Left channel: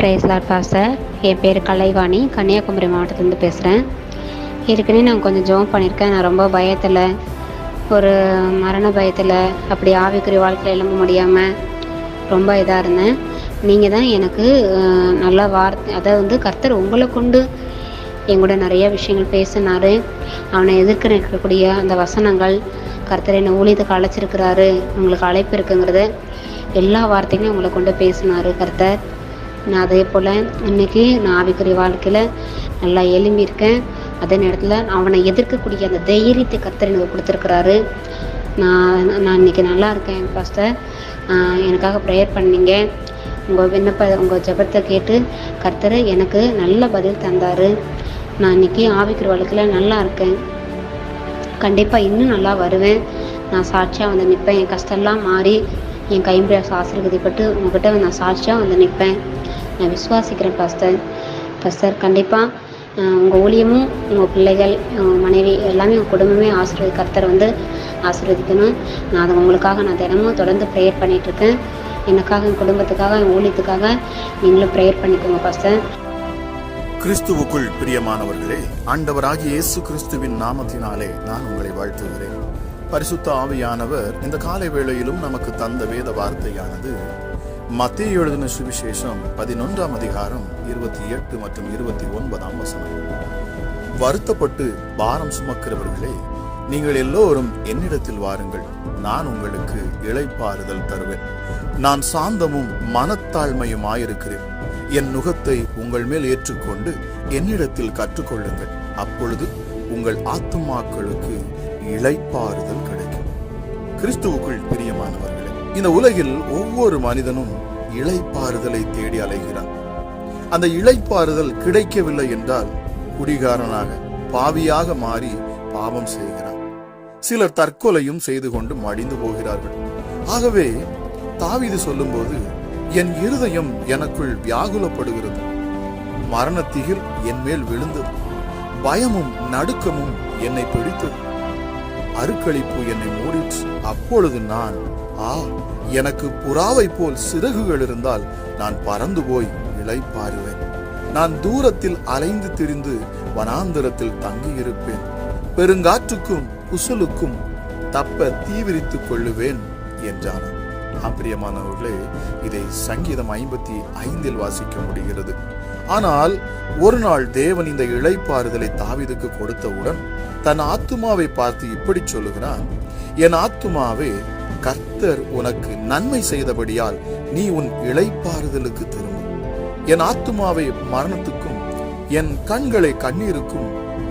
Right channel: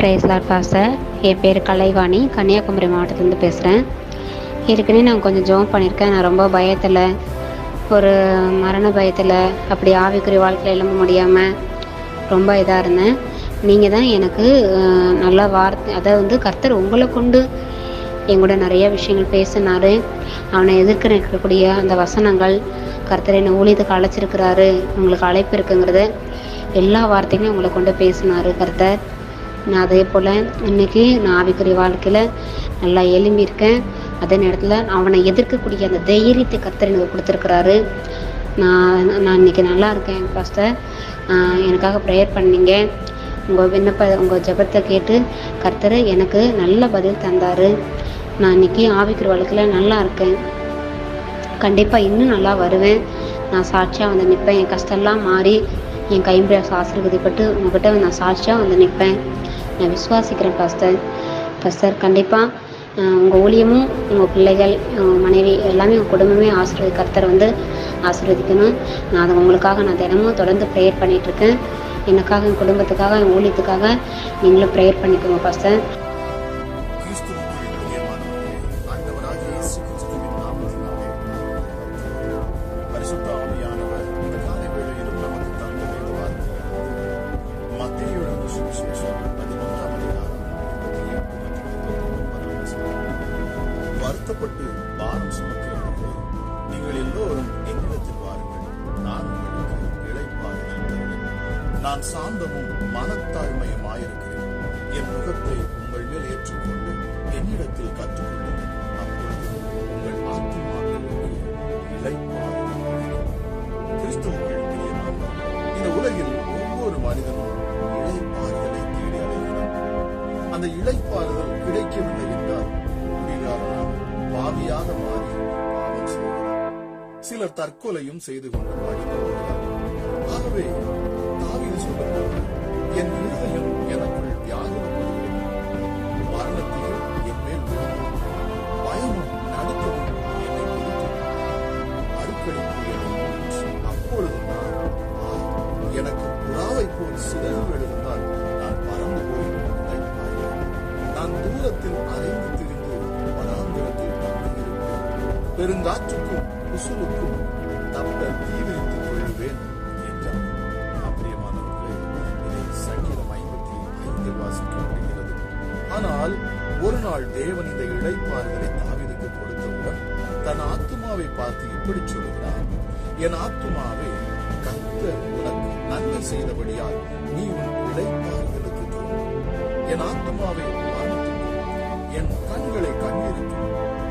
Price Lord pastor. என் பேர் கலைவாணி, கன்னியாகுமரி மாவட்டத்துலேருந்து பேசுகிறேன். ஏற்கனவே நான் கொஞ்சம் ஜெபம் பண்ணியிருக்கேன். நான் ரொம்ப பயத்தில், ஒரு மரண பயத்தில், அப்படி ஆவிக்குரிய வாழ்க்கையில் எழும்ப முடியாமல் ரொம்ப இதாக இருந்தேன். நீங்கள் தான் எனக்கு நல்ல வார்த்தை, அதாவது கர்த்தர் உங்களை கொண்டு எங்கூட நிறைய விஷயங்கள் பேசினார். அவனை எதிர்க்க இருக்கக்கூடிய அந்த வசனங்கள், கர்த்தர் என்னை ஊழியத்துக்கு அழைச்சிருக்கிறாரு, உங்களுக்கு அழைப்பு இருக்குங்கிறது எல்லா வார்த்தையுமே உங்களை கொண்டு பேசினார் கர்த்தர். நான் அதே போல் இன்றைக்கி நான் ஆவிக்குரிய வாழ்க்கையில் நல்லா எழும்பியிருக்கேன். அதே நேரத்தில் அவனை எதிர்க்கக்கூடிய அந்த தைரியத்தை கர்த்தர் எனக்கு கொடுத்துருக்குறாரு. நான் இன்றைக்கி நல்லா இருக்கேன் பாஸ்டர். எனக்காக ப்ரேயர் பண்ணீங்க. உங்கள் ஜெபத்தை கேட்டு கர்த்தர் எனக்கு நல்ல பதில் தந்தார். நான் இன்றைக்கி ஆவிக்குரிய வாழ்க்கையில் நல்லா இருக்கேன். கண்டிப்பாக இன்னும் நல்லா வருவேன். நான் சாட்சியாக வந்து நிற்பேன். என் கஷ்டம்லாம் மாறி என் கைம்பிராச ஆசீர்வதிப்பட்டு உங்கள்கிட்ட நான் சாட்சியாக வந்து நிற்பேன். நான் விசுவாசிக்கிறேன் பாஸ்டர். கண்டிப்பாக உங்கள் ஊழியமும், உங்கள் பிள்ளைகள், உங்கள் மனைவி எல்லாமே, உங்கள் குடும்பமே கர்த்தர் வந்து ஆசீர்வதிக்கணும். நான் அதை உங்களுக்காக நான் தினமும் தொடர்ந்து ப்ரேயர் பண்ணிகிட்ருக்கேன். எனக்காக, என் குடும்பத்துக்காக, என் ஊழியத்துக்காக நீங்களும் ப்ரேயர் பண்ணிக்கோங்க பாஸ்டர். கிறிஸ்துவுக்குள் பிரியமானவர்களே, ஆண்டவராகிய இயேசு கிறிஸ்துவின் நாமத்தினாலே நான் உங்களை வாழ்த்துகிறேன். பரிசுத்த ஆவியானவர் இந்த காலை வேளையிலும் நமக்கு தந்த வேத வார்த்தையானது மத்தேயு எழுதின சுவிசேஷம் 11ஆம் அதிகாரம் 28 மற்றும் 29ஆம் வசனம். வருத்தப்பட்டு பாரம் சுமக்கிறவர்களே, நீங்கள் எல்லோரும் என்னிடத்தில் வாருங்கள், நான் உங்களுக்கு இளைப்பாறுதல் தருவேன். நான் சாந்தமும் மனத்தாழ்மையுமாயிருக்கிறேன். என் நுகத்தை உங்கள் மேல் ஏற்றுக்கொண்டு என்னிடத்தில் கற்றுக்கொள்ளுங்கள், அப்பொழுது உங்கள் ஆத்துமாக்களுக்கு இளைப்பாறுதல் கிடைக்கும். கிறிஸ்துவுக்குள் பிரியமானவர்களே, இந்த உலகில் ஒவ்வொரு மனிதனும் இளைப்பாறுதலை தேடி அலைகிறான். அந்த இளைப்பாறுதல் கிடைக்கவில்லை என்றால் குடிகாரனாக, பாவியாக மாறி பாவம் செய்கிறான். சிலர் தற்கொலையும் செய்து கொண்டு மடிந்து போகிறார்கள். ஆகவே தாவீது சொல்லும்போது, என் இருதயம் எனக்குள் வியாகுலப்படுகிறது, மரணத்திகில் என் மேல் விழுந்தது, பயமும் நடுக்கமும் என்னை பிடித்தது, அருக்களிப்பு என்னை மூடிற்று. அப்பொழுது நான், எனக்கு புறாவை போல் சிறகுகள் இருந்தால் நான் பறந்து போய் இளைப்பாறுவேன். நான் தூரத்தில் அலைந்து திரிந்து வனாந்திரத்தில் தங்கியிருப்பேன். பெருங்காற்றுக்கும் புசலுக்கும் தப்ப தீவிரித்துக் கொள்ளுவேன் என்றார். பிரியமானவர்களே, இதை சங்கீதம் 55 வாசிக்க முடிகிறது. ஆனால் ஒரு நாள் தேவன் இந்த இளைப்பாறுதலை தாவீதுக்கு கொடுத்தவுடன் தன் ஆத்துமாவை பார்த்து இப்படி சொல்லுகிறான், என் ஆத்துமாவே, கர்த்தர் உனக்கு நன்மை செய்தபடியால் நீ உன் இளைப்பாறுதலுக்கு திரும்பும். என் ஆத்துமாவை மரணத்துக்கும், என் கண்களை கண்ணீருக்கும்,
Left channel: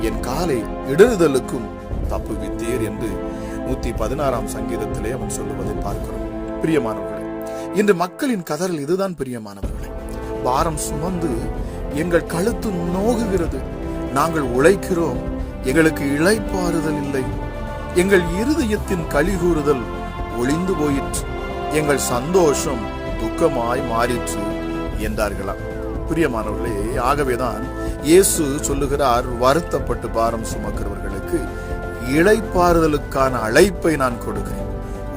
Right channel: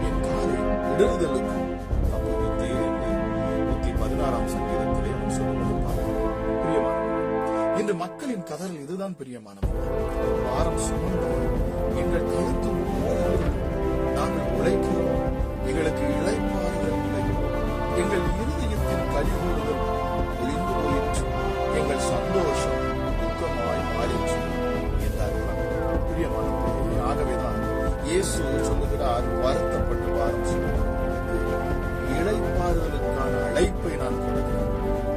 என் காலை இடறுதலுக்கும் தப்புவித்தீர் என்று 116ஆம் சங்கீதத்திலே அவன் சொல்லுவதை பார்க்கிறோம். பிரியமானவர்களே, இன்று மக்களின் கதறல் இதுதான் பிரியமானவர்களே. பாரம் சுமந்து எங்கள் கழுத்து நோகுகிறது, நாங்கள் உழைக்கிறோம், எங்களுக்கு இளைப்பாறுதல் இல்லை, எங்கள் இருதயத்தின் கலிகூறுதல் ஒளிந்து போயிற்று, எங்கள் சந்தோஷம் துக்கமாய் மாறிற்று என்றார்களாம். பிரியமானவர்களே, ஆகவேதான் இயேசு சொல்லுகிறார், வருத்தப்பட்டு பாரம் சுமக்கிறவர்களுக்கு இளைப்பாறுதலுக்கான அழைப்பை நான் கொடுக்கிறேன்.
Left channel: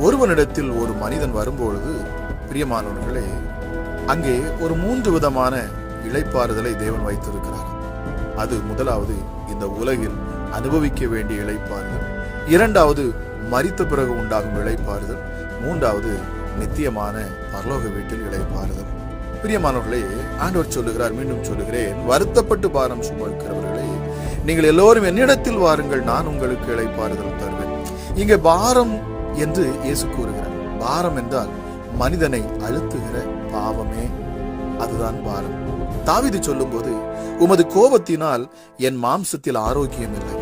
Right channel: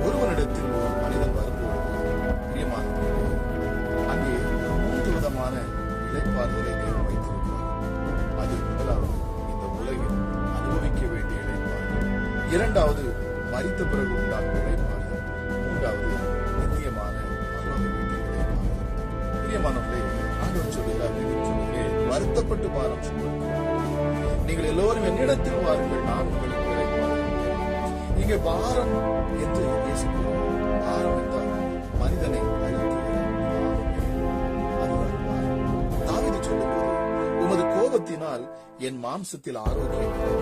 ஒருவனிடத்தில் ஒரு மனிதன் வரும்பொழுது பிரியமானவர்களே, அங்கே ஒரு 3 விதமான இளைப்பாறுதலை தேவன் வைத்திருக்கிறார். அது முதலாவது இந்த உலகில் அனுபவிக்க வேண்டிய இளைப்பாறுதல், இரண்டாவது மரித்த பிறகு உண்டாகும் இளைப்பாறுதல், மூன்றாவது நித்தியமான பரலோக வீட்டில் இளைப்பாறுதல். பிரியமானவர்களே, ஆண்டவர் சொல்லுகிறார், மீண்டும் சொல்லுகிறேன், வருத்தப்பட்டு பாரம் சுமக்கிறவர்களே, நீங்கள் எல்லோரும் என்னிடத்தில் வாருங்கள், நான் உங்களுக்கு இளைப்பாறுதல் தருவேன். இங்கே பாரம் என்று இயேசு கூறுகிறார். பாரம் என்றால் மனிதனை அழுத்துகிற பாவமே, அதுதான் பாரம். தாவீது சொல்லும்போது, உமது கோபத்தினால் என் மாம்சத்தில் ஆரோக்கியம் இல்லை,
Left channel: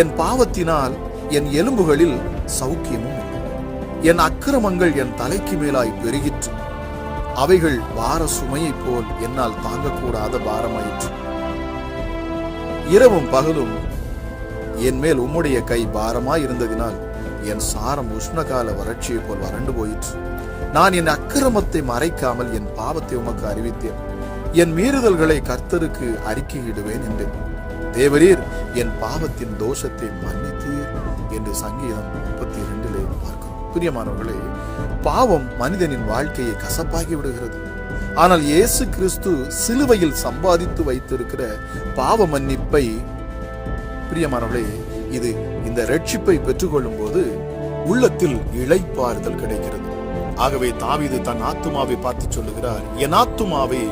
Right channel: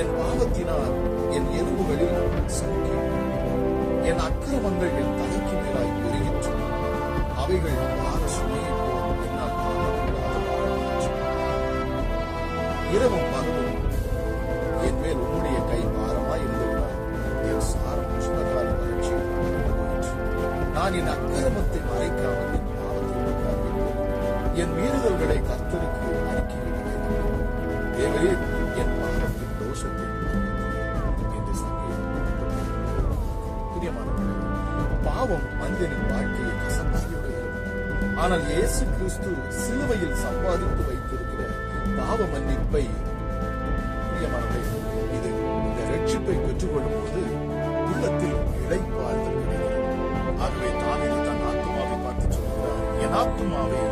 என் பாவத்தினால் என் எலும்புகளில் சௌக்கியமும், என் அக்கிரமங்கள் என் தலைக்கு மேலாய் பெருகிற்று, அவைகள் பார சுமையை போல் என்னால் தாங்கக்கூடாத பாரமாயிற்று. இரவும் பகலும் என் மேல் உம்முடைய கை பாரமாய் இருந்ததினால் என் சாரம் உஷ்ணகால வறட்சியை போல் வறண்டு போயிற்று. நான் என் அக்கிரமத்தை மறைக்காமல் என் பாவத்தை உமக்கு அறிவித்தேன், என் மீறுதல்களை கர்த்தருக்கு அறிக்கையிடுவேன் என்று. தேவரீர் என் பாவத்தின் தோஷத்தை மன்னித்தீர் என்று சங்கீதம் 32 பார்க்கிறோம். பிரியமானவர்களே, பாவம் மனிதனின் வாழ்க்கையை கசப்பாகி விடுகிறது. ஆனால் இயேசு கிறிஸ்து சிலுவையில் சம்பாதித்து வைத்திருக்கிற பாவ மன்னிப்பை, பிரியமானவர்களே, இது இந்த ரட்சிப்பை பெற்றுக்கொள்ளும் போது உள்ளத்தில் இளைப்பாறுதல் கிடைக்கிறது. ஆகவே தாவீது தன் ஆத்துமாவை பார்த்து சொல்லுகிறார், என் ஆத்துமாவே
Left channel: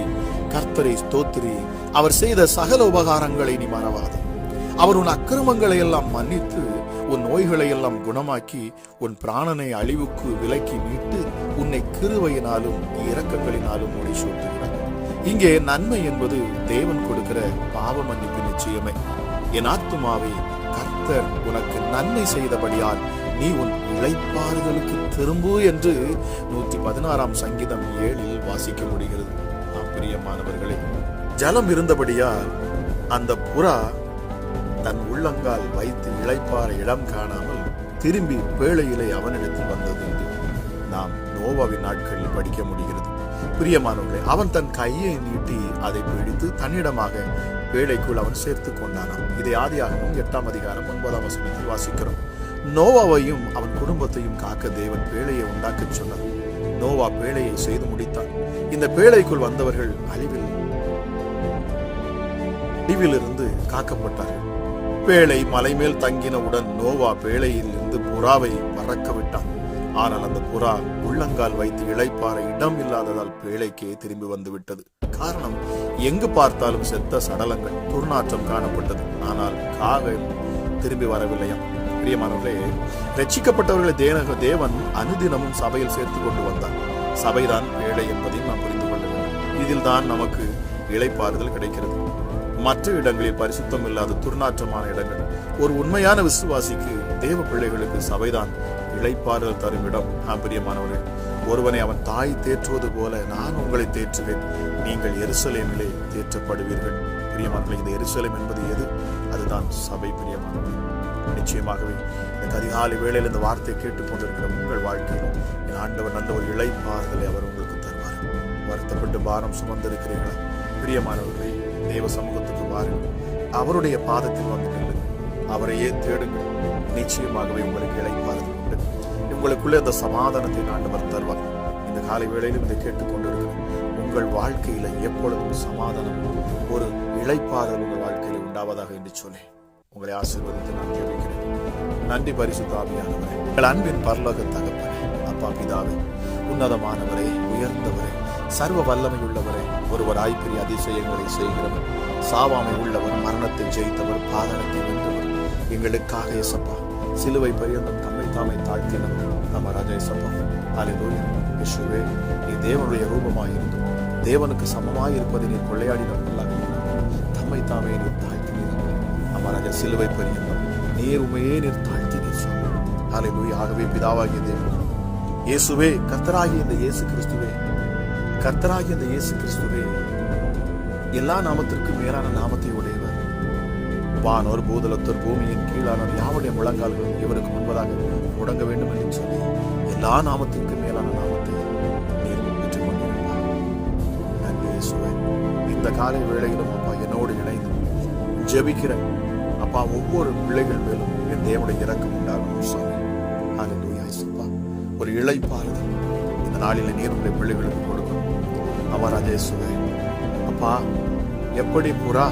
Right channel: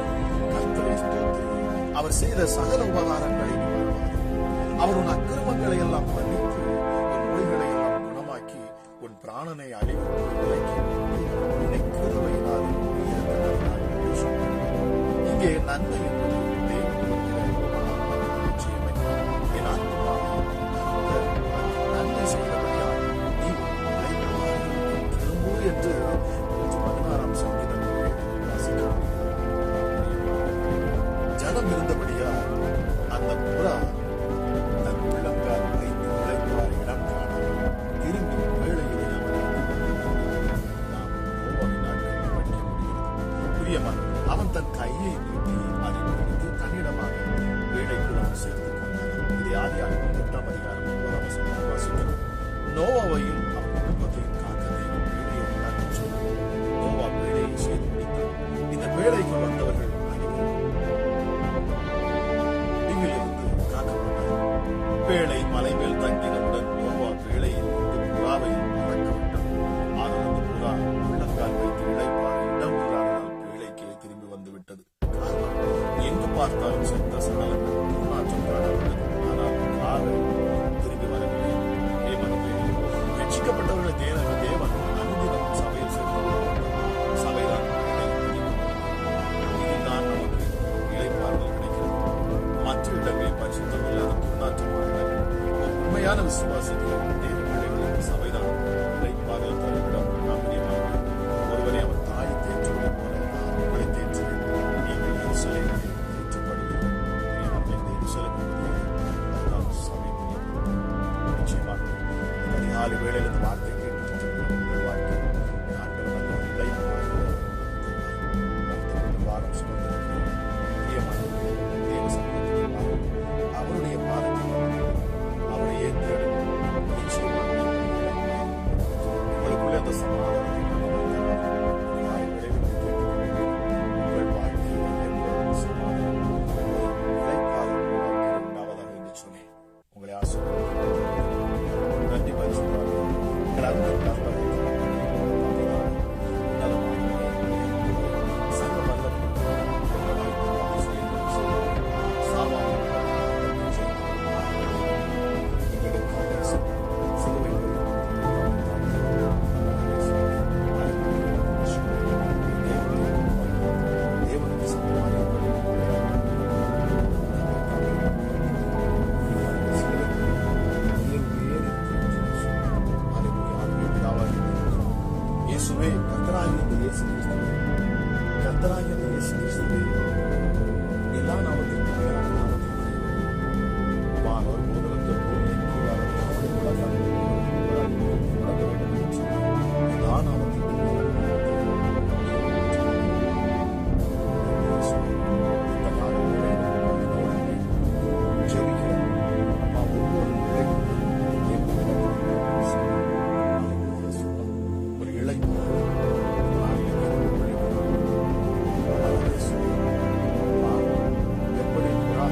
கர்த்தரை ஸ்தோத்திரி, அவர் செய்த சகல உபகாரங்களை நீ மறவாதே. அவர் உன் அக்கிரமங்களை எல்லாம் மன்னித்து உன் நோய்களை எல்லாம் குணமாக்கி உன் பிராணனை அழிவுக்கு விலக்கி மீட்டு உன்னை கிருபையினாலும் இரக்கங்களினாலும் முடிசூட்டுகிறார். இங்கே நன்மை என்பது தேவன் கொடுக்கிற பாவ மன்னிப்பு நிச்சயமே. என் ஆத்துமாவே கர்த்தர் உனக்கு நன்மை செய்தபடியால் நீ உன் இளைப்பாறுதலுக்கு திரும்பு என்று 116 சங்கீதம் 7 வாசிக்க முடிகிறது. பிரியமானவர்களே, ஜலம் இருந்தபடியால் அந்த புறா தன் உள்ளங்கால் வைத்து இளைப்பாற இடம் காணாமல் திரும்பி பேழையிலே அவனிடத்தில் வந்தது. நாம் நோவாவின் நாட்களில் படிக்க முடிகிறது. பிரியமானவர்களே, அவன் தன் கையை நீட்டி அதை பிடித்து தன்னிடமாக பேழைக்குள் அவன் சேர்த்துக் கொண்டானான். இதை ஆதியாகமம் 8 அதிகாரம் 9 வசனத்தில் வாசிக்கிறோம். நோவாவையும் அவன் குடும்பத்தையும் காக்க தேவன் பேழையை உண்டாக்க சொன்னார். நோவா பேழையை செய்து முடித்தான். இந்த பேழைக்குள் வந்தவர்கள் அழிவிலிருந்து காக்கப்பட்டார்கள். பேழை மலை மேல் தங்கினவுடன் நோவா பேழையில் இருந்து புறாவை பறக்க விட்டான். ஆனால் அந்த புறா உள்ளங்கால் வைத்து இளைப்பாற இடம் இல்லாததால் பேழைக்கே திரும்பி வந்து விட்டது. காரணம், எங்கு பார்த்தாலும் செத்த சடலங்கள், துர்நாற்றம் காணப்பட்டது. ஆனால் காகம் திரும்பி வரவில்லை. பிரியமானவர்களே, ரட்சிக்கப்பட்டவர்களை தேவன் அனுதினமும் சபையில் சேர்த்துக் கொண்டு வந்தார். சபைதான் பேழை என்பதையும் நாம் புரிந்து கொள்கிறோம். இதில் தான் நமக்கு இளைப்பாறுதல் கிடைக்கிறது. மற்ற இடங்களில் பரிசுத்தம் இல்லாத துர்நாற்றமான இடங்கள். ஒரு உண்மையான விசுவாசிக்கு, தேவ பிள்ளைகளுக்கு சபைதான் இளைப்பாறுதல் தரும் இடம். பிரியமானவர்களே, ஒருவனை அவன் தாய் தேற்றுவது போல நான் உங்களை தேற்றுவேன், நீங்கள் எருசலேமிலே தேற்றப்படுவீர்கள். பிரியமானவர்களே, இந்த எருசலேம் என்பது எது? அதுதான் சபை. பிரியமானவர்களே, நிச்சயமாகவே இந்த அதிகாலை வேளையில் இந்த வார்த்தை கேட்டுக் கொண்டிருக்கிற உங்கள் வாழ்க்கையில் ஆண்டவர் நல்ல ஒரு இளைப்பாறுதலை அவர் உங்களுக்கு தருவார். வருத்தப்பட்டு பாரம் சுமந்திருக்கிறீர்கள். பிரியமானவர்களே, தேவ சமூகத்துக்கு வாருங்கள், அவருடைய பாதத்தில் வந்து அவரையே தேடுங்கள். நிச்சயமாகவே உங்களுக்கு இளைப்பாறுதல் உண்டு. உங்களுக்குள்ளே அந்த சமாதானத்தை ஆண்டவர் தருவார். இந்த காலை வேளையிலும் இதை கேட்டுக்கொண்டிருக்கிறேன். உங்கள் வாழ்க்கையில எப்பொழுதும் சமாதானம், ஒரு இளைப்பாறுதல் உங்கள் வாழ்க்கையில் உண்டாவதாக என்று சொல்லி உங்களை ஆசீர்வதித்து நன்றி. பரிசுத்த ஆவியானவரே, உங்கள் அன்பின் பரலோக தகப்பனே, அப்பா பிதாவே, உன்னதமானவரே, உயர்ந்தவரே, சர்வ வல்லமை உள்ளவரே, ஒருவராய் பெரிய அதிசயங்களை செய்கிறவர், சாவாமை உள்ளவர், மரணத்தை ஜெயித்தவர், பாதகத்தை வென்றவர், எங்களுக்காக இயேசுப்பா சிலுவை பரியந்தம் தம்மை தாமே தாழ்த்தியவர் நம்ம ராஜா இயேசுப்பா. ஹல்லேலூயா. இயேசுவே, நீ தேவனுடைய ரூபமாயிருந்து தேவனுக்கு சமமாய் இருப்பதை நீ கொள்ளையாடினார். தம்மை தாமே நீ தாழ்த்தினீர். நம்ம ராஜா சிலுவை பரியந்தம் நீர் உண்மையே நீர் தாழ்த்தினீர். ஹல்லேலூயா. ஆகவே பிதாவாகிய தேவன் இயேசுவே, கர்த்தராகிய இந்த இயேசு கிறிஸ்துவே, கர்த்தராகிய இந்த இயேசு கிறிஸ்துவே, எல்லா நாமத்திற்கும் மேலான நாமத்தை உடையவர். வானோர் பூதலத்தோர் பூமியின் கீழான யாவுடைய முழங்கால்கள் இவருக்கு முன்பதாக முடங்க வேண்டும் என்று சொல்லி எல்லா நாமத்திற்கும் மேலான நாமத்தை இந்த காலை வேளையிலும் அப்பா என்னோடு இணைந்து ஜெபிக்கிற அப்பா ஒவ்வொரு பிள்ளைகள் மேலும் என் தேவனுடைய இறக்கம் உண்டாகும் சொல்லி ஒரு இளைப்பாறுதல் இந்த நாளில் நீருடைய பிள்ளைகளுக்கு கொடுக்கும். அவர் அதே சுவை அப்பா எப்படி புறா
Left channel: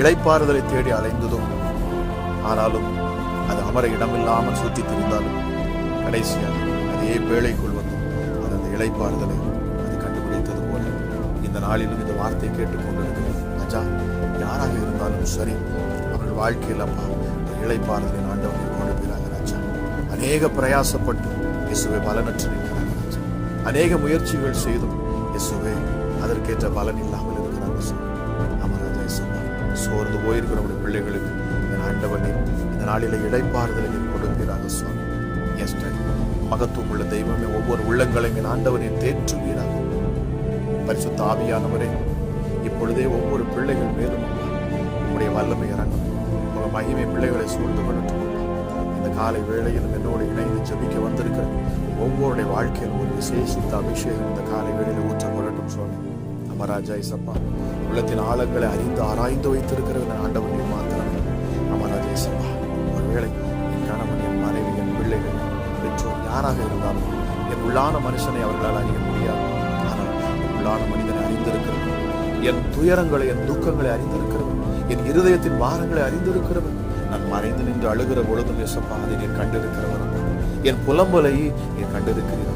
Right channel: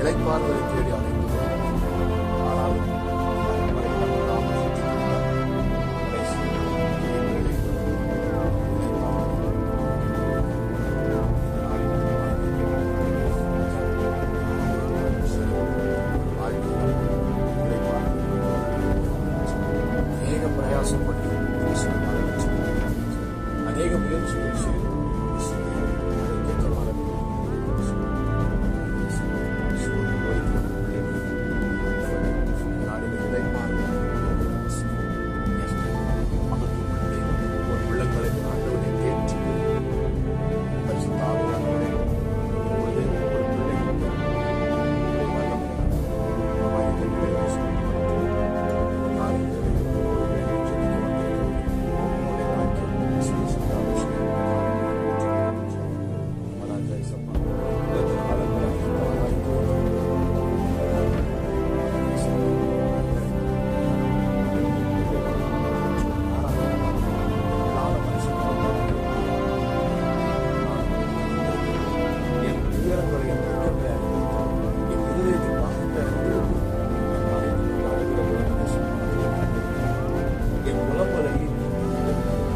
இளைப்பாறுதலை தேடி அலைந்ததோ, ஆனாலும் அது அமர இடமில்லாமல் சுற்றி திரிந்தாலும் கடைசியாக அதே வேளைக்குள் வந்து அந்த இளைப்பாறுதலை கண்டுபிடித்தது போல இந்த நாளில் இந்த வார்த்தை கேட்டுக்கொண்டு ராஜா யாராக இருந்தாலும் சரி, அவர்கள் வாழ்க்கையில் அப்பா இளைப்பாறுதலை ராஜா அநேக பிரயாசப்பட்டு இயேசுவை பலனற்று அநேக முயற்சிகள் செய்தும் இயேசுவை அதற்கேற்ற பலன் இல்லாமல் இருக்கிறார். சோர்ந்து போயிருக்கிற பிள்ளைகளுக்கு ஆண்டவர் இந்த நாளில இளைப்பாறுதலை கொடுக்கிறார். மகத்துவம் உள்ள தெய்வமே, ஒவ்வொரு உள்ளங்களையும் ஆண்டவரை தேற்றுகிறார். பரிசுத்த ஆவியானவரே, இப்பொழுதே ஒவ்வொரு பிள்ளைகள் மேலும் உங்களுடைய வல்லமை இறங்கும், உங்கள் மகிமை பிள்ளைகளை சூழ்ந்து கொண்டு இந்த காலை வேளையில் என்னோடு இணைந்து ஜெபிக்க வந்திருக்கிற ஒவ்வொருடைய வாழ்க்கையில் விசேஷித்த அபிஷேகம் இந்த காலை வேளையில் ஊற்றப்படட்டும் சொல்லி நம்ம ராஜா இயேசுப்பா உள்ளத்தின் ஆழங்களை அறிந்து ஆராய்ந்து வைத்திருக்கிற ஆண்டவரை மாத்திரம் நம்ம ராஜா இயேசுப்பா ஒருவேளை என் மனைவி, என் பிள்ளைகள், பெற்றோர் யாராக இருந்தாலும் என் உள்ளான மனுஷனை அவர்களால் அறிய முடியாது. உள்ளான என் துயரங்களை, என் துக்கங்களை அறிந்திருக்கிறவர், என் இருதயத்தின் பாரங்களை அறிந்திருக்கிறவர். நான் மறைந்து நின்று அழுகிற பொழுது இயேசப்பா அதை நீர் கண்டிருக்கிறவர். என் புலம்பலை நீர் கண்டிருக்கிறீர்.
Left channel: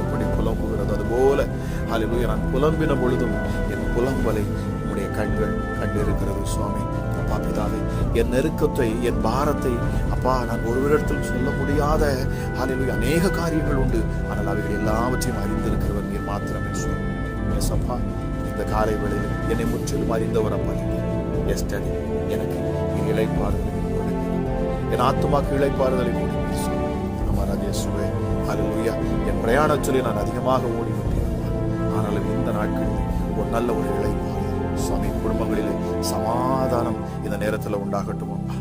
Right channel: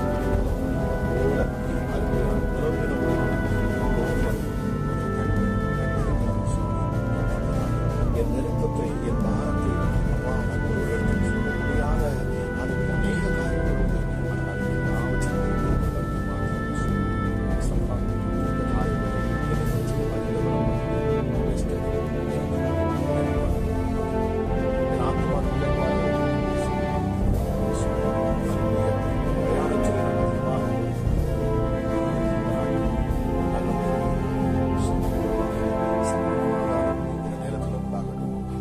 எப்படி புலம்புகிறது அதுபோல அல்லேலூயா நான் புலம்பின பொழுதும் என் புலம்பலை உடைய கண்கள் கண்டிருக்கிறது சுவாமி. அப்பா பிதாவே, என் நெருக்கத்தை, என் பாரத்தை அப்பா நான் ஒருவரிடத்தில் சொல்ல முடியாத அல்லேலூயா அநேக காரியங்கள் உண்டு. ஆனால் அவைகள் எல்லாவற்றையும் அறிந்திருக்கிறவர் நீர் மாத்திரமே சுவாமி. இயேசப்பா, இந்த காலை வேளையில் என்னை முற்றிலும் அறிந்தவர் அப்பா. எஸ்டர்டே எனக்கு இளைப்பாறுதல், என் ஆத்துமாக்கு இளைப்பாறுதலை இயேசுவே. அல்லேலூயா, என் பிரயாணத்திலே நான் அதிகமாக ஓடுகின்றேன். ஆனாலும் இந்த நாட்கள் ஒரு நல்ல ஒரு இளைப்பாறுதல் சுவாமி. குடும்பங்களில் சமாதானம் இந்த நேரத்தில் உண்டாகட்டும் அப்பா.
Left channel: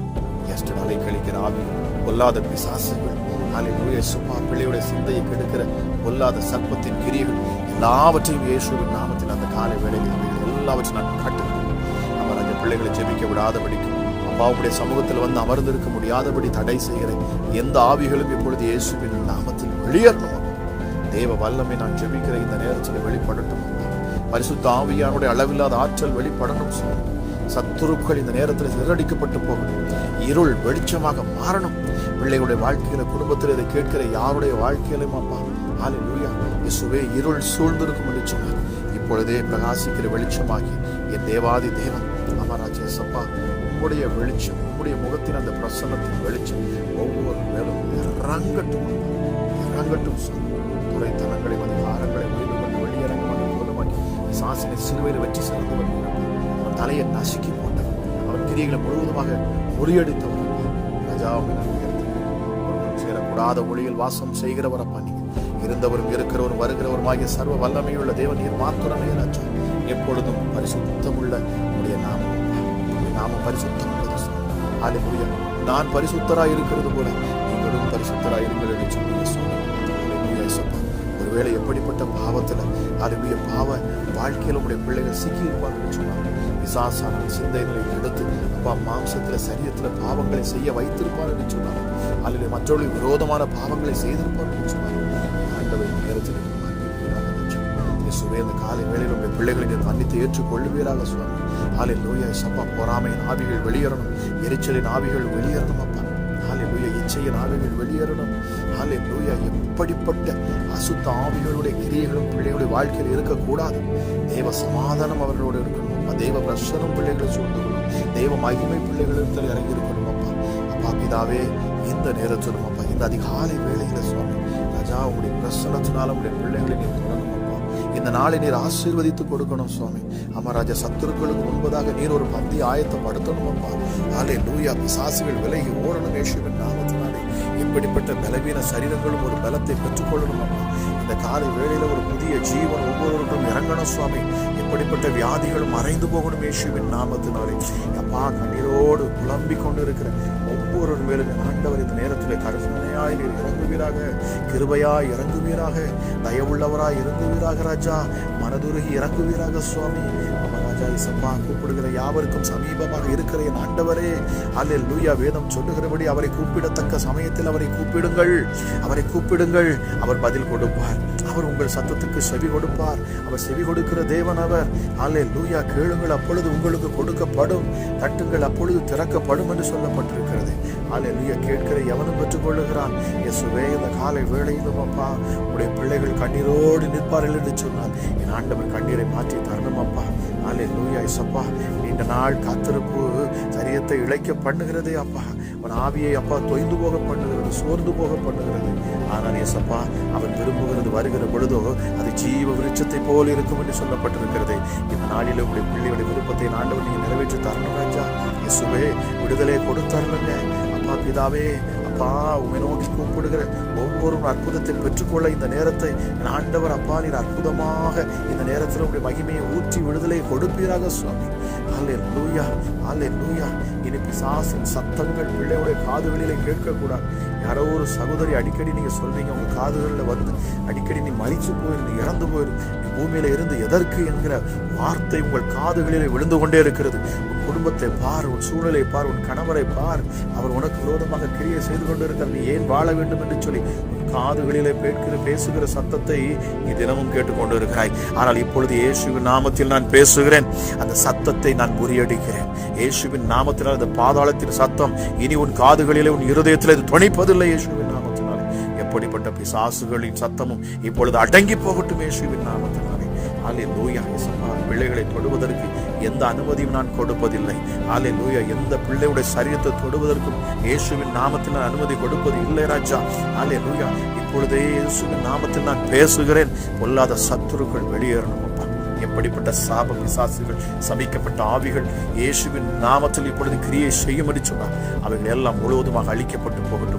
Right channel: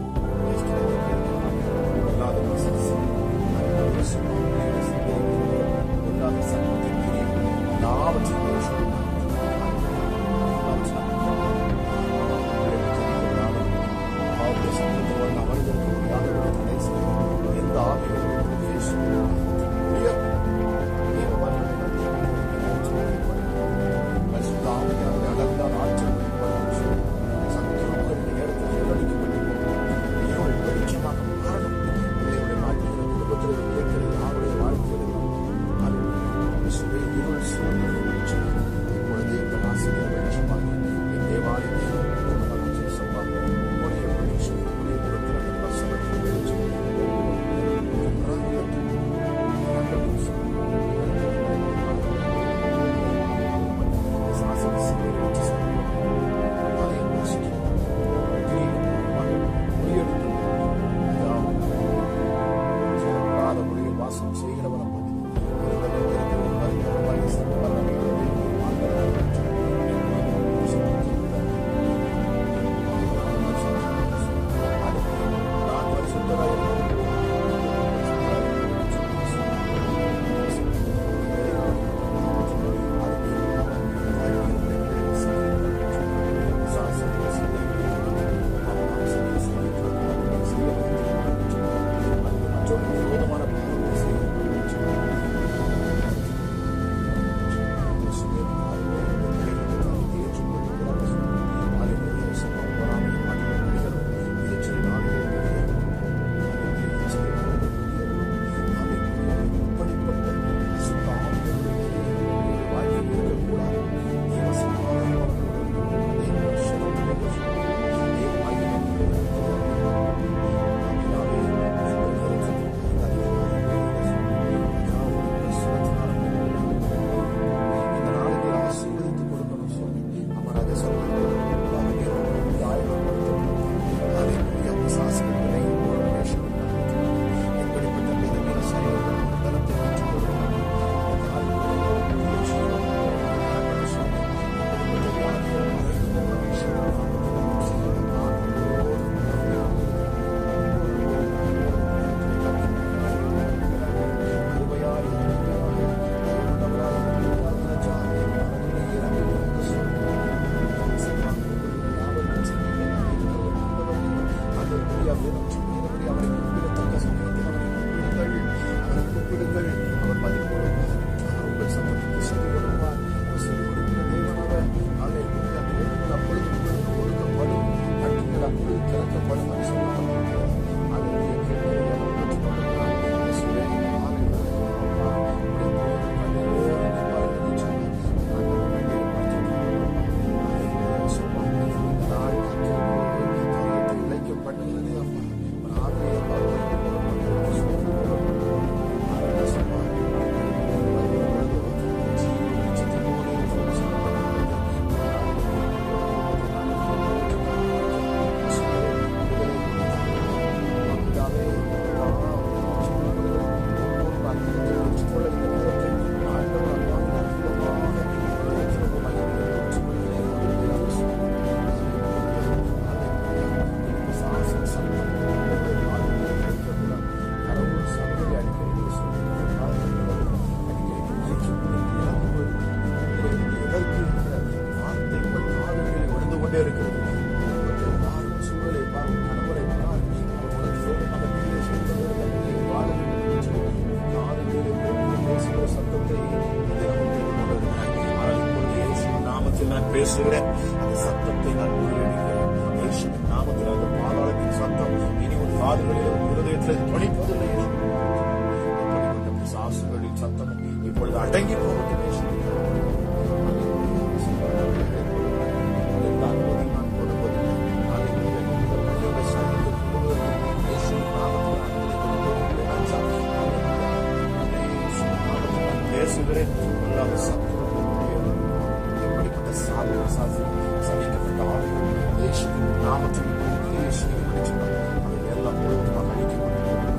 எஸ்டர்டே கழிக்கிற ஆவி, பொல்லாத பிசாசுகள், அல்லேலூயா சும்மா பிள்ளையுடைய சிந்தையை கெடுக்கிற பொல்லாத சர்ப்பத்தின் கிரியைகள் எல்லாவற்றையும் இயேசுவின் நாமத்தில் அந்த காலை வேளையில் எல்லாவற்றையும் நான் கட்டுகிறேன். அவர் அந்த பிள்ளைகளை ஜெபிக்க விடாதபடிக்கு அப்பாவுடைய சமூகத்தில் வந்து அமர்ந்திருக்க முடியாதபடி தடை செய்கிற எந்த ஆவிகளும் இப்பொழுது இயேசுவின் நாமத்தில் வெளியேறும். தேவ வல்லமை நான் ஜெபிக்கிற இந்த நேரத்தில் வெளிப்படட்டும். பரிசுத்த ஆவியானுடைய அளவில்லாத ஆற்றல் வெளிப்படணும். சத்துருக்கள் இந்த நேரத்தில் சிதறடிக்கப்பட்டு போகும். இருள் வெளிச்சமாக மாறணும். பிள்ளைகளுடைய வாழ்க்கையில, குடும்பத்தில் இதை கேட்கிற யாருடைய வாழ்க்கையிலும் அம்மா அல்லேலூயா இயேசுவே இருள் சூழ்ந்திருக்கும் வெளிச்சமாக இப்பொழுதே பிரகாசிக்கிற வெளிச்சமாகி என் தேவாதி தேவன் அமராஜா சப்பா உங்களுடைய வெளிச்சம், உங்களுடைய முகத்தில் அந்த பிரசன்னத்தின் வெளிச்சம் ஒவ்வொரு நேரம் இறங்கட்டும் துறைத்தனங்களை, அதிகாரங்களை சாசனை சிலுவையில் வெற்றி செலுத்தும். அவன் தலையை நசுக்கி அவன் கிரிகளை முழுவதுமாக முறியடித்து சேரக்கூடாத ஒளியில் வாசம் செய்கிறவரை பண்ணி இருந்தவரும் இருக்கிறவரும் வருகிறவருமாகிய சர்வ வல்லமையுள்ள தேவன் மாத்திரமே ராஜா. எப்பொழுதும் பரிசுத்தமுள்ள நாம பரிசுத்தம். நான் பரிசுத்தராய் இருக்கிறது போல நீங்களும் பரிசுத்தராய் இருக்கிறது. ஒருவேளை எப்படிப்பட்ட பாவத்தில் அருமைய பாவ வாழ்க்கையில் உடைய பிள்ளைகள் சிக்கியிருப்பார்கள் சொன்னார். சிந்தைகளை எடுத்து மாம்சத்தில் சரீரத்தில் பாவங்களை செய்ய வைத்திருப்பார்கள் சொன்னார். அல்லது மற்றவர்களுக்கு விரோதமான பாவங்களை செய்திருப்பார்கள் சொன்னார். அந்த காலை வேளையில் உடைய பிள்ளைகளை மன்னித்து ஏற்றுக்கொள்ளுவீராக சொன்னார். அல்லேலூயா சப்பா, பொறாமையின் ஆவிகள் வெளியேறணும், எரிச்சலின் ஆவிகள் வெளியேறணும் அப்பா. அல்லேலூயா இச்சையின் ஆவிகள் வெளியேறணும். அல்லேலூயா எப்படிப்பட்ட அசுத்த ஆவிகளுடைய கிரியைகளும் பிள்ளைகளுடைய வாழ்க்கையில் இருக்கக்கூடாது. தேவ சமாதானம் அவர்களோடு இருக்கணும். தேவ பிரசனம் பிள்ளைகள் சொல்லணும். தெய்வ மகிமை பிள்ளைகளிடத்தில் இறங்கி இருக்கணும் அப்பா. அப்பா பிதாவே, இந்த நேரத்திலும் அப்பா இந்த அதிகாலை வேளையில சுவாமி ராஜா உங்களுடைய பிரசனத்தினால உங்களுடைய பிள்ளைகளை இந்த நாளை நீர் ஆசீர்வதித்து கொடுக்கணும் சுவாமி. அமராஜா சத்துருக்களுக்கு முன்பதாக நீர் ஒரு பந்தி ஆயத்தப்படுத்தணும் அப்பா. அல்லேலூயா, பிசாசுகள் விலகி ஓடணும் இயேசுவின் நாமத்தினாலே. இப்படிப்பட்ட பலவீன சரீரங்களும் ஒரு பலத்தை பெற்றுக்கொள்ளணும் அப்பா. இந்த காலை வேளையில ஒரு புதிய ஜீவன் ஒவ்வொருவரும் இறங்கணும் சுவாமி. இப்படிப்பட்ட வியாதிகள் மறைந்து போகணும் இயேசுவின் நாமத்தினாலே. அப்பா, கண்ணீரோடு புலம்பிக் கொண்டிருக்கிற ஒவ்வொரு பேரும் ஆண்டவர் இந்த நேரத்தில் கருணையாய் இறங்குவீராக, கிருபையாய் இறங்குவீராக, தயவுள்ளவராய் இறங்குவீராக ராஜா. மனதுருகி இறங்குவீராக சுவாமி. கூப்பிடுகிற யாவருக்கும் சமீபமாக இருக்கிற என் ஆண்டவரே, அல்லேலூயா, வேதம் சொல்லுகிறபடி அவரை கூப்பிடத்தக்க சமயத்தில் அவரை கூப்பிடுங்கள். அவர் பதில் கொடுப்பார். அவர் உங்கள் சத்தத்துக்கு செவி கொடுப்பார். அவர் செவி கொடுக்கிற தேவன் அவர். அல்லேலூயா, கேளுங்கள் அப்பொழுது உங்களுக்கு கொடுக்கப்படும், தட்டுங்கள் அப்பொழுது திறக்கப்படும் என்று சொல்லப்பட்டிருக்கிறது. அல்லேலூயா, கேட்கிற எவனும் பெற்றுக்கொள்ளுகிறான். இயேசுவே, இந்த காலை வேளையிலும் அப்பா உங்களுடைய பிள்ளைகள் கண்ணீரோடு நிற்பார்கள் என்று சொன்னார். என் ஆண்டவர் கண்ணீரை மாற்றி தரணும் அப்பா. அல்லேலூயா இயேசுப்பா, நீண்ட நாள் காத்திருப்பு சரீரத்தை இழைக்க பண்ணுகிறதே அப்பா. அவன் ஆவியை அப்பா தொய்ந்து போக பண்ணுகிறது, சோர்ந்து போக பண்ணுகிறது. ஆனால் இயேசுப்பா, அவர் திரும்புகிறது வருகிற பொழுதோ அது ஜீவ விருட்சத்தை போல இருக்கும் என்று சொல்லப்பட்டிருக்கிறது. இந்த நாளில் உடைய பிள்ளையோட விருப்பத்தை ஆண்டவர் நீ நிறைவேற்றி தரணும் ராஜா. இயேசுவே, விடுதலை கொடுத்தாருங்க அப்பா. பிதாவே அப்பா, உன்னை நோக்கி கூப்பிடுகிற ஒவ்வொரு அற்புதத்தை பெற்றுக்கொள்ள இந்த நேரத்தை ஆண்டவர் அப்பா நீர் அற்புதமாக இந்த நேரத்தில் உடைய மகிமையை ஊற்றி விடுதலை கொடுப்பீராக சுவாமி. அல்லேலூயா, அல்லேலூயா. இனி பிசாசின் சத்தங்கள் பிள்ளையுடைய காதுகளிலே கேட்கக்கூடாது. யாரோ ஒரு சகோதரி அடிக்கடி நீங்க சொல்றீங்க, உங்க காதுகளில் வந்து அடிக்கடி நீ மறிச்சு போயிருந்து, இறந்து போயிருந்து, பூமியில இருந்து எதற்கு என்கிற வார்த்தை உங்கள் காதுகளிலே விழுந்து கொண்டே இருக்கிறது. குடும்பத்தை பார், உன் சூழலை பார், உன் கணவரை பார். அவர் உனக்கு விரோதமாக கிரியை செய்து கொண்டு இருக்கிற நீ ஏன் வாழ வேண்டும் என்று சொல்லி காதுகளிலே பேசுகிற சத்தத்தை நீ தினமும் கேட்டுக்கொண்டு இருக்கிறாய். ஆனால் இப்பொழுது இயேசுவின் நாமத்தில் நான் பேசுகிறேன். அந்த சத்தத்தை நான் முறியடிக்கிறேன். இயேசுவின் நாமத்தினால் அந்த பாதாளத்தின் சத்தம் இனி உன் காதுகளிலே, உன் இருதயத்திலே துணிப்பதில்லை. இயேசுவின் நாமத்தினால் எப்படிப்பட்ட பிசாசுகளின் சத்தமும் இப்பொழுது அடங்கி போகட்டும். இயேசுவின் நாமத்தினாலே. அல்லேலூயா. பிள்ளைகளை தொடுவதற்கு எந்த அனுமதியும் நான் கொடுப்பதில்லை. அல்லேலூயா. எந்த பிள்ளையுடைய சரீரத்தை தொடுவதற்கும் இயேசுவின் நாமத்தில் நான் அனுமதி கொடுப்பது இல்லை ராஜா. அல்லேலூயா. இப்பொழுதே இயேசுவின் நாமத்தில் நான் பேசுகிறேன். பொல்லாத சத்துருக்கள் வெளியேறும். எப்படிப்பட்ட சாப பிசாசுகள், சபிக்கப்பட்ட ஆவிகள் இயேசுவின் நாமத்தில் இப்பொழுது கிரியை செய்யும் என்று சொன்னார். அவைகள் எல்லாம் முழுவதுமாக அழிக்கப்பட்டு போகட்டும்.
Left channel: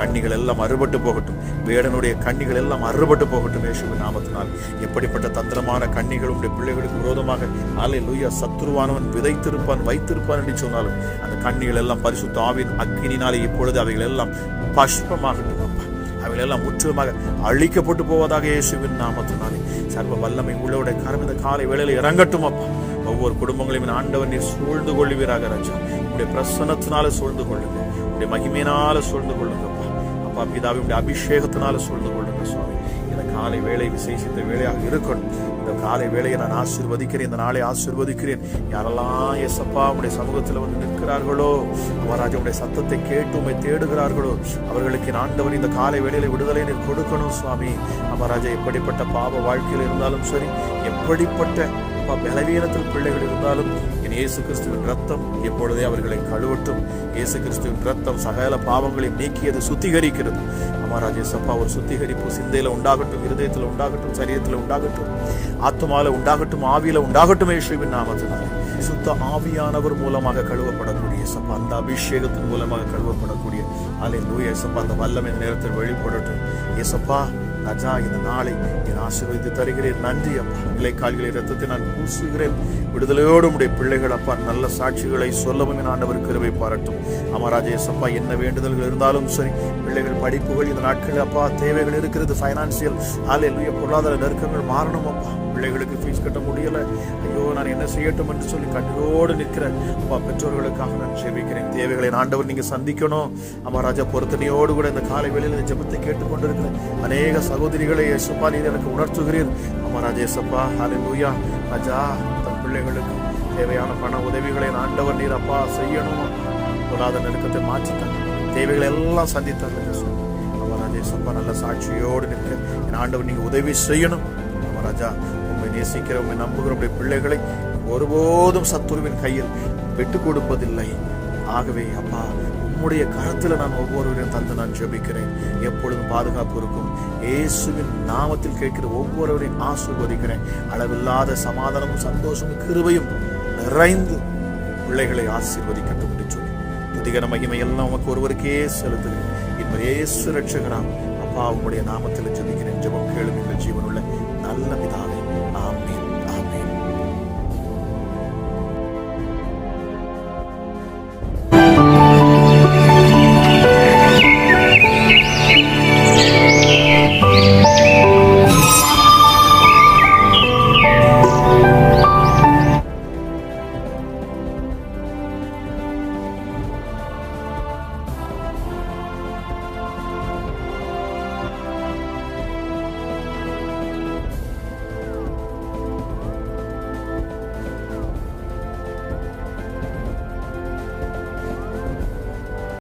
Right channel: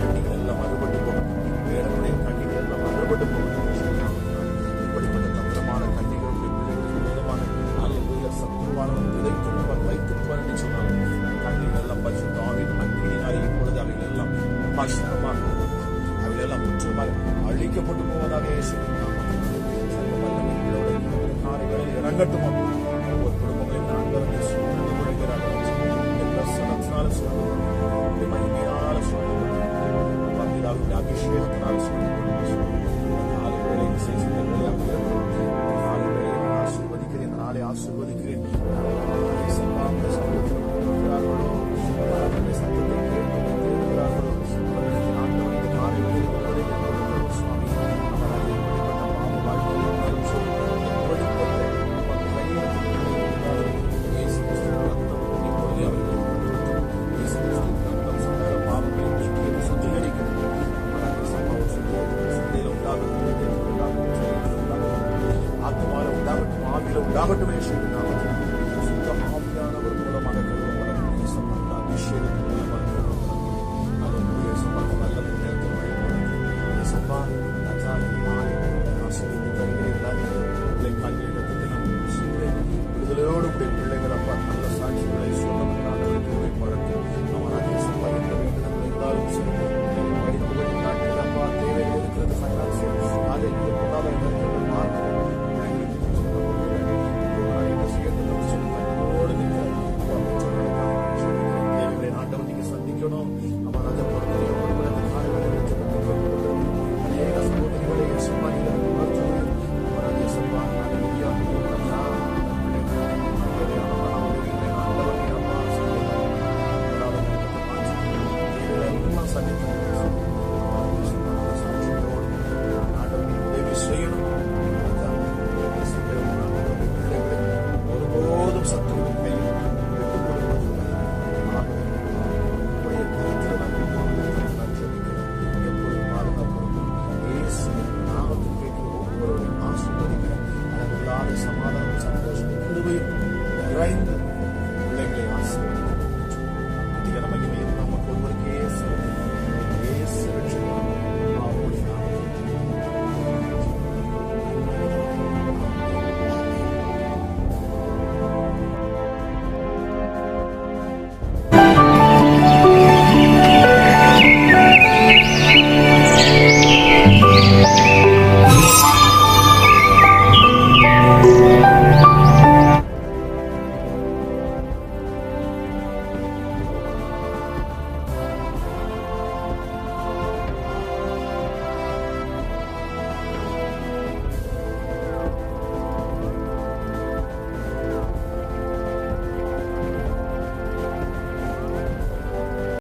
கண்ணிகள் எல்லாம் அறுபட்டு போகட்டும். வேடனுடைய கண்ணிகள் எல்லாம் அறுபட்டு போகட்டும். இயேசுவின் நாமத்தினால் எப்படிப்பட்ட தந்திரமான கண்ணிகள் உடைய பிள்ளைகளுக்கு விரோதமாக அல்லேலூயா சத்துருவானவன் விதைத்திருப்பான், வைத்திருப்பான் என்று சொன்னாலும் அந்த கண்ணிகள் எல்லாம் பரிசுத்த ஆவியின் அக்கினினாலே இப்பொழுது அவைகள் எல்லாம் பஷ்பமாக, அவைகள் எல்லாம் முற்றிலுமாக அழிக்கப்பட்டு போவதாக இயேசுவின் நாமத்தினாலே. சர்வ வல்லமை உள்ளவருடைய கரம் இந்த காலை வேளையில் இறங்கட்டும் அப்பா. ஒவ்வொரு குடும்பங்களையும் ஆண்டவர் நீர் சூழ்ந்து கொள்வீராக ராஜா. உடைய பிரசன்னத்தினால சூழ்ந்து கொள்ளுங்க. உடைய மகிமையினால சூழ்ந்து கொள்ளுங்க அப்பா. பிதாவே உடைய அபிஷேகத்தினால சூழ்ந்து கொள்ளுங்க சுவாமி. இந்த காலை வேளை விசேஷித்த வேளையாக இருக்கணும். இந்த காலை வேளையை நான் ஆசீர்வதிக்கிறேன். இந்த நாளை ஆசீர்வதிக்கிறேன். யாரெல்லாம் இயேசப்பா உடைய சமூகத்தில் வந்து நிற்கிறார்களோ, அவராஜனுடைய சத்தத்தை கேட்டு உம்மை தேடுகிறார்களோ, அவர்களுக்கு ஆண்டவர் இந்த காலை வேளையில விடுதலை கொடுக்கணும் சுவாமி. அவராஜா எப்படிப்பட்ட பாவ வாழ்க்கையில் இருந்தாலும் சரி, எப்படிப்பட்ட பலவீனத்தில் பிள்ளைகள் இருந்தாலும் என் இயேசு கிறிஸ்துவின் ரத்தம் எப்பொழுதே அவர்களை கழுவட்டும். இயேசு கிறிஸ்துவின் ரத்தம் சகல பாவங்களை நீக்கியது, சுத்திகரிக்கிறது. மகாராஜே சப்பா ஒரு சுத்திகரிப்பு சிந்தையில உண்டாகட்டும், இருதயத்தில் உண்டாகட்டும், சரீரத்தில் உண்டாகட்டும், ஆத்மால உண்டாகட்டும், ஆவியில உண்டாகட்டும். இயேசுவின் நாமத்தினால் சுத்த ஆவியானவர் மூலமாக கழுவப்படக்கூடிய சப்பா, அந்த அபிஷேகத்தின் மூலமாக கழுவப்படக்கூடிய அல்லேலூயா சப்பா, அந்த வல்லமை நேரத்தில் வழிபடட்டும். இயேசப்பா ராஜா, இந்த நாளை என் ஆசீர்வதித்து தருகிறேன். நன்றி அப்பா. பிள்ளைக்கால்களை ரத்தத்தை நான் பூசுகிறேன். விடுதலையோடு உடைய பிள்ளைகள் அப்பா நல்ல சாட்சிகளை சொல்லவும் ஆண்டவர் கிருபை பாராட்டும். அமராஜா இயேசப்பா, என்ன வேண்டுதல்கள் இருந்தாலும் சரி, பிள்ளைகள் படிப்புகள் இந்த நாட்களில் அப்பா தேவைகள் இருக்கிறது, ஃபைனான்சியல் அல்லேலூயா பொருளாதார நெருக்கங்கள் மாறணும் அப்பா. பிள்ளைகளுக்கு ஃபீஸ் கட்ட முடியல, ஐயோ நான் என்ன செய்யட்டும் என்று சொல்லி கண்ணீரோடு நிற்கிறேன் அப்பா. பெற்றோர்களுக்காக நான் ஜெபிக்கிறேன். தேவைகளை ஆண்டவர் நீங்க சந்திக்கணும். அமராஜா பொருத்தனையோடு கூட இந்த காலை வேளையில் ஜெபத்தை கேட்டுக்கொண்டிருக்கிறேன். அநேக சகோதரிகளை இயேசுப்பா நீர் எனக்கு உணர்த்துகிறீர். அமராஜா இயேசப்பா அல்லேலூயா ராஜா, தன் பிள்ளைகளுக்கு தேவையான பண உதவிகளை ஆண்டவர் நீர் அப்பா செய்யணும். பொருளாதார நெருக்கத்தை மாற்றித்தாங்க, தேவைகளை எல்லாம் சந்தித்தாங்க. அமராஜா இயேசப்பா நல்ல சாட்சியோடு நிற்க என் ஆண்டவர் நீங்க உதவி செய்யணும். ராஜா உங்களை நேசிக்கிறவங்க நம்புகிற பிள்ளைகளை ஒருபோதும் சத்துருவின் கையில் விட்டு கொடுப்பதில்லை. ஆகவே அப்பா உம்முடைய கருத்துல நான் ஒவ்வொருவரையும் தந்து நான் ஜெபிக்கிறேன். எப்பொழுதும் பாதுகாப்பு இருக்கும். இயேசுவின் நாமத்தில் கேட்கிற ஒவ்வொருவரையும் ஆசீர்வதிக்கிறேன். அளவில்லாத சமாதானமும் சந்தோஷமும் கிருபையும் நிறைந்து பிள்ளைகளை ஆசீர்வதிக்கட்டும் என்று சொல்லி துதிகர மகிமை எல்லாம் உமக்கு ஒருவருக்கே செலுத்துகிறேன். இப்ப இயேசு ரட்சகராம் அப்பா உம்முடைய நாமத்தில்